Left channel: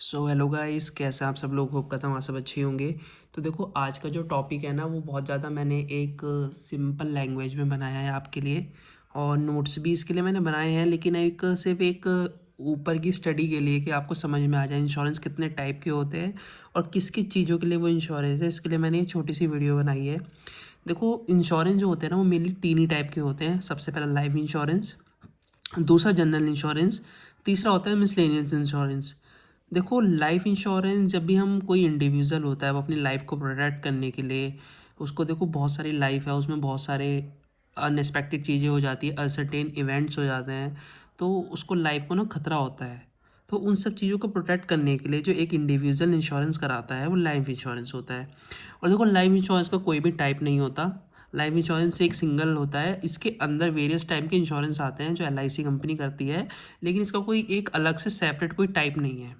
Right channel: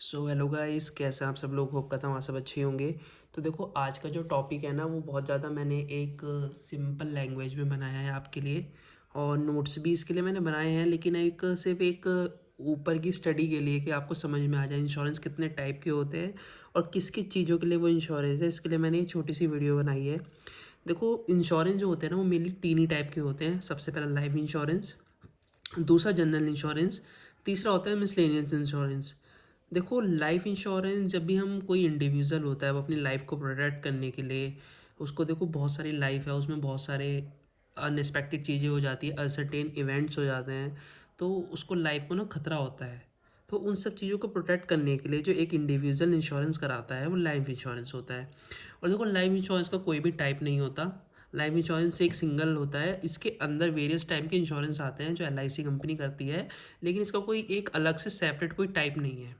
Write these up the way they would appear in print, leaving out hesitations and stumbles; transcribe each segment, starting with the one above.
So hello guys, कैसे हैं आप सब लोग। होप करता हूँ आप सब अच्छे होंगे। तो देखो, आज का जो टॉपिक है ना, वो बहुत ज़्यादा मैंने एक सिंपल लैंग्वेज में बनाया है आपके लिए, और नोट्स भी इसके लिए मैंने बनाए हैं, लेकिन एक सिर्फ एक ऊपर की स्टडी के लिए कि आपको समझ में आ जाए इंश्योरेंस कितने टाइप के होते हैं और किस किस चीज़ों के लिए वो इंश्योरेंस है। इसके लिए मैंने एक छोटी सी वीडियो बनाई है। देखो, इंश्योरेंस जो होते हैं ना, वो मेनली तीन ही टाइप के होते हैं। सबसे पहला लाइफ इंश्योरेंस, दूसरा जनरल इंश्योरेंस, तीसरा होता है मिसलेनियस इंश्योरेंस। देखो, लाइफ इंश्योरेंस जब भी हम कोई इंडिविजुअल होता है वो अपनी लाइफ को प्रोटेक्ट करने के लिए, उसको देखो बहुत सारी लाइफ है, उसमें बहुत सारे अनएक्सपेक्टेड चीज़ें हो जाती है, अनसर्टेन इवेंट्स हो जाते हैं, तो उसको लाइफ को ना खतरा होता है। तो उन सब चीज़ों को प्रोटेक्ट करने के लिए जो एक इंडिविजुअल इंश्योरेंस कराता है वो लाइफ इंश्योरेंस होता है। और देखो, लाइफ इंश्योरेंस का कोई भी टाइप नहीं होता। लाइफ इंश्योरेंस एक सिंगल होता है। इसके अंदर वेरियस टाइप के इंश्योरेंस आते हैं जो LIC कंपनी करती है, लेकिन इसका कोई एक अलग से सेपरेट कोई टाइप नहीं है।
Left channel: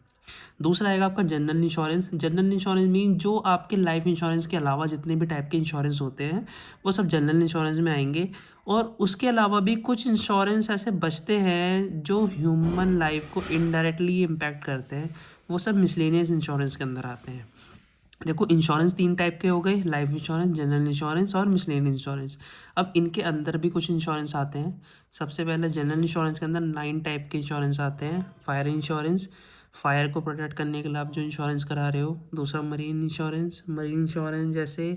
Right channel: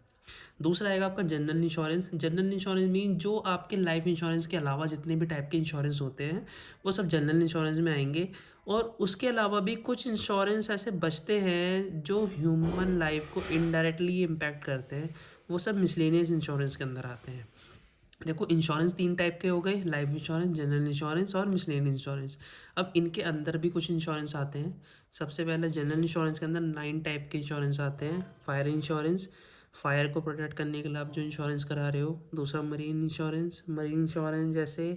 दूसरा आएगा आपका general insurance. General insurance mean जो आपके लाइफ इंश्योरेंस के अलावा जितने भी टाइप के इंश्योरेंस होते हैं वो सब जनरल इंश्योरेंस में आएंगे। और उसके अलावा भी कुछ इंश्योरेंस ऐसे बचते हैं जो ह्यूमन लाइफ को इनडायरेक्टली इम्पैक्ट करते हैं, वो सब मिसलेनियस इंश्योरेंस के अंदर आते हैं। देखो, इंश्योरेंस तीन टाइप के हो गए, लाइफ इंश्योरेंस, जनरल इंश्योरेंस और मिसलेनियस इंश्योरेंस। अब इनके अंदर भी कुछ इंश्योरेंस आते हैं। सबसे पहले जनरल इंश्योरेंस के अंदर 9 टाइप के इंश्योरेंस आते हैं। फायर इंश्योरेंस, फायर को प्रोटेक्ट करने के लिए आप जो इंश्योरेंस करा रहे हो। दूसरा मरीन इंश्योरेंस, मरीन इंश्योरेंस जैसे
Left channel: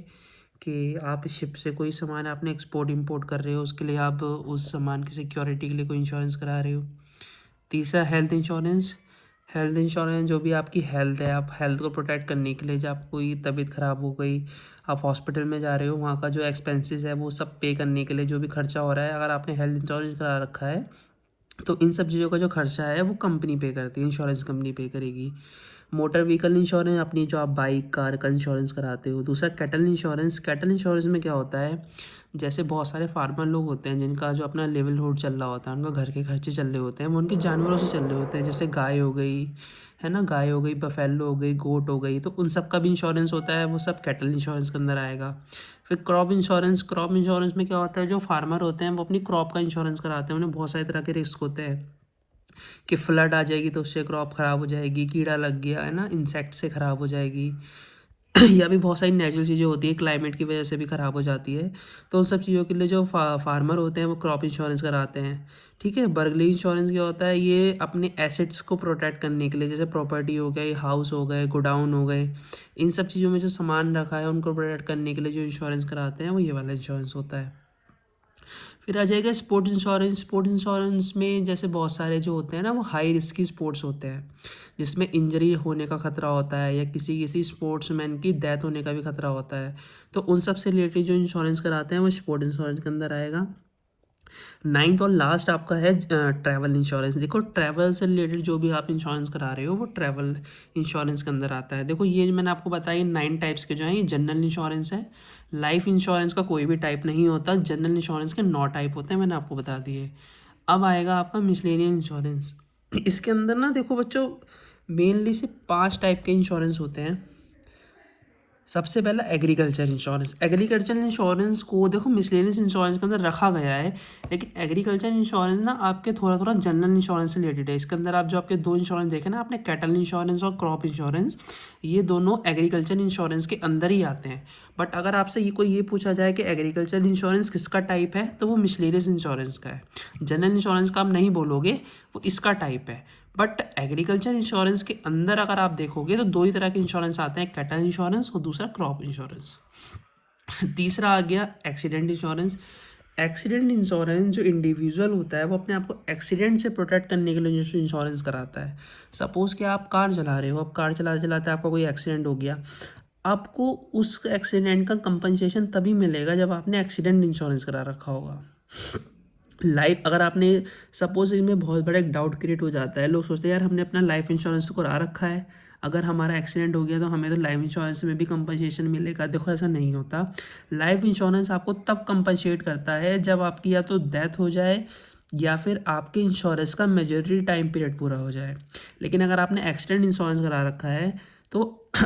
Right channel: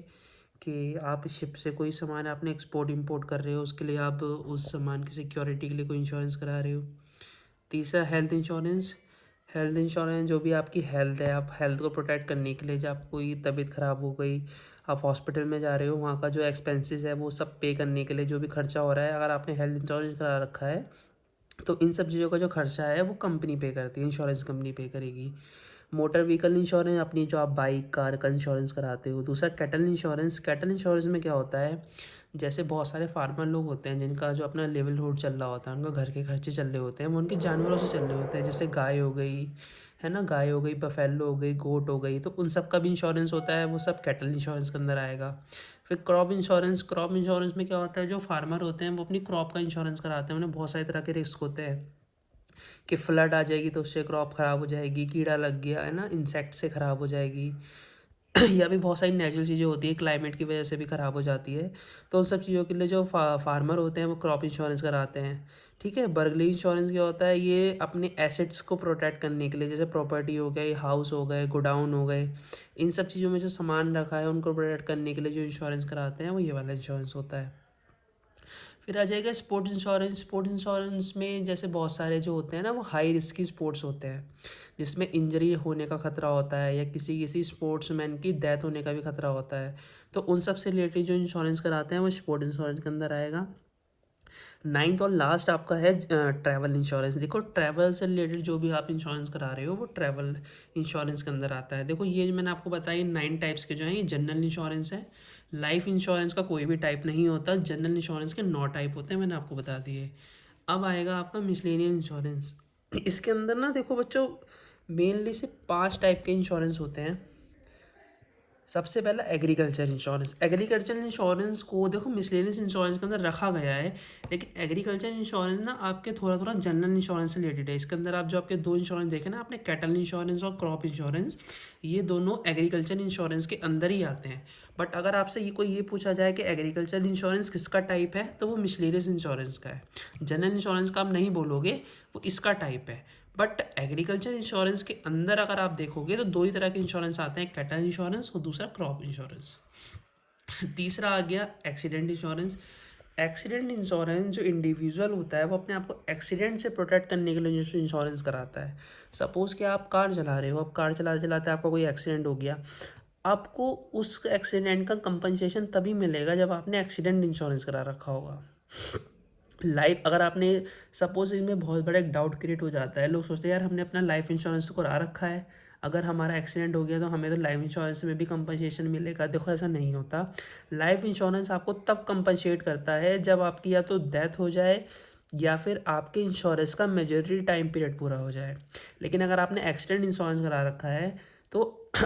कि आप शिप से कोई सामान आपने एक्सपोर्ट इंपोर्ट कर रहे हो, उसके लिए आप उस सामान की सिक्योरिटी के लिए कोई इंश्योरेंस करा रहे हो। तीसरा हेल्थ इंश्योरेंस। हेल्थ इंश्योरेंस जो भी आपकी हेल्थ है, आप हेल्थ को प्रोटेक्ट करने के लिए, जब आपको कोई तबीयत ख़राब हो गई, आप हॉस्पिटल में जा रहे हो, वहाँ का जो एक्सपेंसेस है वो सब पे करने के लिए जो भी खर्चा हो रहा है, अगर आपने हेल्थ इंश्योरेंस करा रखा है तो इन सब चीज़ों का जो खर्चा है वो कंपनी पे करती है, इंश्योरेंस कंपनी पे करेगी। मोटर व्हीकल इंश्योरेंस, अपनी जो आप बाइक कार का इंश्योरेंस कराते हो। दूसरा कैटल इंश्योरेंस। कैटल इंश्योरेंस में क्या होता है, जैसे बहुत सारे फार्मर लोग होते हैं जिनका जो अपना लिवलीहुड चल रहा होता है, उनका घर के खर्चे चल रहे होते हैं, वो उनके जानवरों से चल रहे होते हैं, जैसे गाय हो गई, है ना, गाय हो गई, बफेलो हो गई, गोट हो गई, तो उन सब का भी इंश्योरेंस होता है, वो सब कैटल इंश्योरेंस के अंदर आएगा। फिर क्रॉप इंश्योरेंस। क्रॉप इंश्योरेंस में क्या होता है, जो फार्मर होते हैं वो अपनी क्रॉप का इंश्योरेंस कराते हैं। उन्हें बहुत सारे तरह के रिस्क होते हैं कि फ्लड आ जाएगी तो उससे क्रॉप ख़राब हो जाएगी, कीड़ा लग गया है ना, इंसेक्ट से ख़राब हो जाएगी या भी बहुत सारी नेचुरल चीज़ें होती है, क्लाइमेट की वजह से भी ख़राब हो जाती है। तो उन सब चीज़ों के लिए जो फार्मर होते हैं वो क्रॉप इंश्योरेंस कराते हैं। ठीक है। बर्गली इंश्योरेंस क्या होता है, ये अपने एसेट्स को प्रोटेक्ट करने के लिए, जैसे प्रॉपर्टी हो गए, हाउस हो गए, गोडाउन हो गए, इन सब चीज़ों में जो सामान रखा है उनको प्रोटेक्ट करने के लिए जो इंश्योरेंस कराते हैं वो ये वाला इंश्योरेंस होता है। फिर आ जाएगा स्पोर्ट्स इंश्योरेंस। स्पोर्ट्स इंश्योरेंस में जैसे बहुत सारे जो होते हैं ना, वो हाई रिस्की स्पोर्ट्स होते हैं, जिसमें इंजरी होने का खतरा होता है या किसी किसी स्पोर्ट्समैन की डेथ होने का भी खतरा होता है। तो उन सब से रिलेटेड जो इंश्योरेंस कराते हैं वो स्पोर्ट्स इंश्योरेंस के अंदर आएगा। नाइन्थ और लास्ट आपका है ट्रैवल इंश्योरेंस। देखो, ट्रैवल से रिलेटेड जो भी आप इंश्योरेंस करा रहे हो वो ट्रैवल इंश्योरेंस के अंदर आता है। देखो, ये जो मैंने आपको बताया 9 टाइप्स के जो हैं, ये जनरल इंश्योरेंस है। लाइफ इंश्योरेंस का कोई भी टाइप नहीं होता, जनरल इंश्योरेंस के 9 टाइप होते हैं, मैंने आपको बता दिए। अब आएगा आपका मिसलेनियस इंश्योरेंस। इसके अंदर ना देखो बच्चों, मेनली सिर्फ 5 टाइप के इंश्योरेंस होते हैं। सबसे पहला एग्रीकल्चर इंश्योरेंस। एग्रीकल्चर इंश्योरेंस को देखो मिसलेनियस इंश्योरेंस के अंदर रखा गया है, लेकिन एग्रीकल्चर इंश्योरेंस ना आपके थोड़ा थोड़ा जनरल इंश्योरेंस से रिलेटेड है। इसके अंदर आप जो आपके दो इंश्योरेंस देखे ना आपने, कैटल इंश्योरेंस और क्रॉप इंश्योरेंस, ये दोनों एग्रीकल्चर इंश्योरेंस के अंदर ही आते हैं। बट अगर आपसे ये पूछा जाए कि एग्रीकल्चर इंश्योरेंस किसका टाइप है, तो वो मिसलेनियस इंश्योरेंस का है। जनरल इंश्योरेंस का आप नहीं बोलोगे, वो इसका टाइप है। बट एग्रीकल्चर इंश्योरेंस के अंदर अगर आप देखोगे तो दो ही तरह के इंश्योरेंस आते हैं, कैटल इंश्योरेंस और दूसरा क्रॉप इंश्योरेंस। तीसरा आ गया एक्सीडेंट इंश्योरेंस। एक्सीडेंट इंश्योरेंस जो इंडिविजुअल होता है वो अपने आप को एक्सीडेंट से प्रोटेक्ट करने के लिए जो इंश्योरेंस कराता है। सपोज़ कि आप कार चला रहे हो, अब कार चलाते चलाते आपका कोई एक्सीडेंट हो गया, आपको उस एक्सीडेंट का कंपनसेशन तभी मिलेगा जब आपने एक्सीडेंट इंश्योरेंस करा रखा होगा। लाइफ अगर आपने, सपोज इसमें बहुत बड़ा एक डाउट क्रिएट हो जाता है, लोग सोचते हैं यार हमने अपना लाइफ इंश्योरेंस तो करा रखा है, अगर हमारा एक्सीडेंट हो गया तो हमें तो लाइफ इंश्योरेंस में भी कंपनसेशन मिलेगा। देखो, ऐसा नहीं होता। लाइफ इंश्योरेंस आपको तब कंपनसेट करता है जब आपकी या तो डेथ हो जाए या फिर आपके इंश्योरेंस का मेजोरिटी टाइम पीरियड पूरा हो जाए। लेकिन अगर आपने एक्सीडेंट इंश्योरेंस करा रखा है तो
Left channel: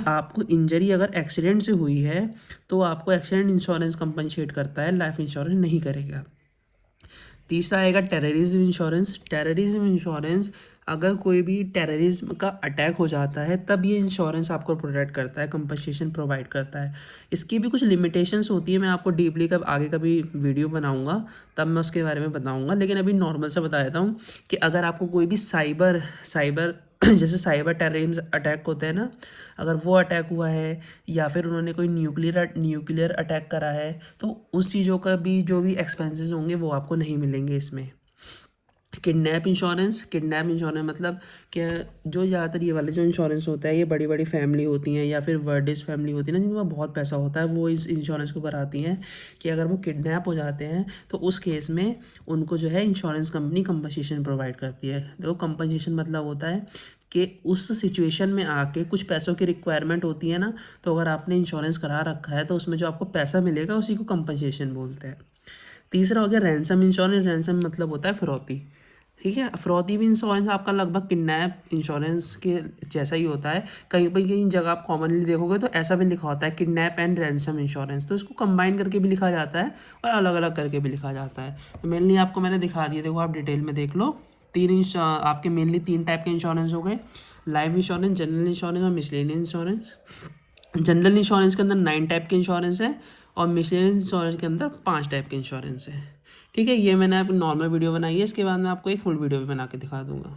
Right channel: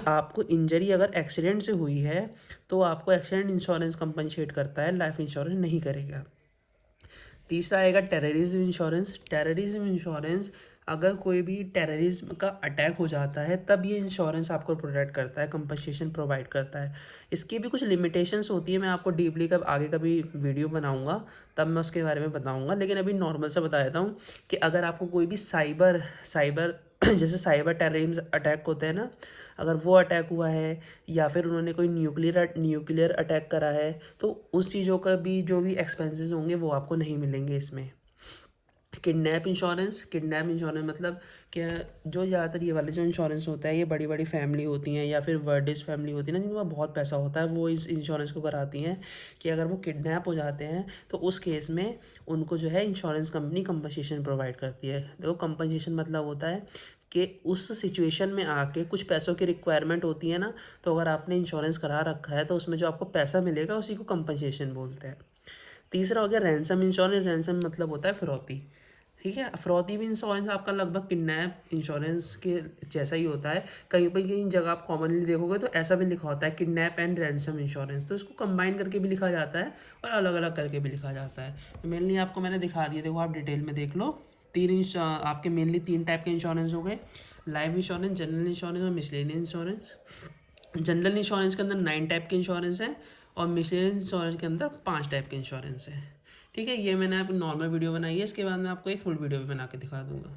आपको इंजरी अगर एक्सीडेंट से हुई है तो आपको एक्सीडेंट इंश्योरेंस कंपनसेट करता है, लाइफ इंश्योरेंस नहीं करेगा। तीसरा आएगा टेररिज्म इंश्योरेंस। टेररिज्म इंश्योरेंस अगर कोई भी टेररिज्म का अटैक हो जाता है तब ये इंश्योरेंस आपको प्रोटेक्ट करता है, कंपनसेशन प्रोवाइड करता है। इसकी भी कुछ लिमिटेशंस होती है, मैं आपको डीपली कब आगे कभी वीडियो बनाऊंगा तब मैं उसके बारे में बताऊंगा, लेकिन अभी नॉर्मल से बता देता हूँ कि अगर आपको कोई भी साइबर साइबर जैसे साइबर टेररिज्म अटैक होते हैं ना, अगर वो अटैक हुआ है या फिर उन्होंने कोई न्यूक्लियर अटैक करा है, तो उस चीज़ों का भी जो भी एक्सपेंसेस होंगे वो आपको नहीं मिलेंगे इसमें। किडनैप इंश्योरेंस मतलब क्या, जो ज़्यादातर ये वाले जो इंश्योरेंस होता है ये बड़ी बड़ी फैमिली होती हैं या फिर वर्डिस फैमिली होती है ना, जिनके पास बहुत पैसा होता है, वो इस इंश्योरेंस को कराती हैं कि अगर वो किडनैप हो जाते हैं तो उस केस में उनको जो है इंश्योरेंस कंपनी कंपनसेशन प्रोवाइड करती है। देखो कंपनसेशन मतलब होता है कि उस सिचुएशन में आके कुछ पैसों की रिक्वायरमेंट होती है ना, तो अगर आपने इंश्योरेंस करा रखा है तो उसमें जो आपको पैसा मिलेगा उसी को कंपनसेशन बोलते हैं। तीसरा हो गया रैंसम इंश्योरेंस। रैंसम मतलब होता है फिरौती। ठीक है, फिरौती भी इंश्योरेंस आपका लगभग किडनैप इंश्योरेंस के जैसा ही होता है। कहीं पर कहीं जगह आप कॉमनली देखोगे तो ऐसा भी लिखा होता है किडनैप एंड रैंसम इंश्योरेंस, तो इसको कंबाइन करके भी लिखा जाता है और अलग अलग करके भी लिखा जाता है। तो मेनली आपको मैंने दिखा दिया, देखो आप डिटेल में देख लो। आपके मेनली 3 टाइप के इंश्योरेंस हो गए, लाइफ इंश्योरेंस, जनरल इंश्योरेंस और मिसलेनियस इंश्योरेंस। जनरल इंश्योरेंस के अंदर 9 टाइप के इंश्योरेंस है और मिसलेनियस इंश्योरेंस के अंदर 5 टाइप के इंश्योरेंस है। ठीक है, ये मैंने आप नॉर्मल वीडियो बनाई है, इसके बाद मैं आपको एक फुल वीडियो भी बना के दिखा दूंगा।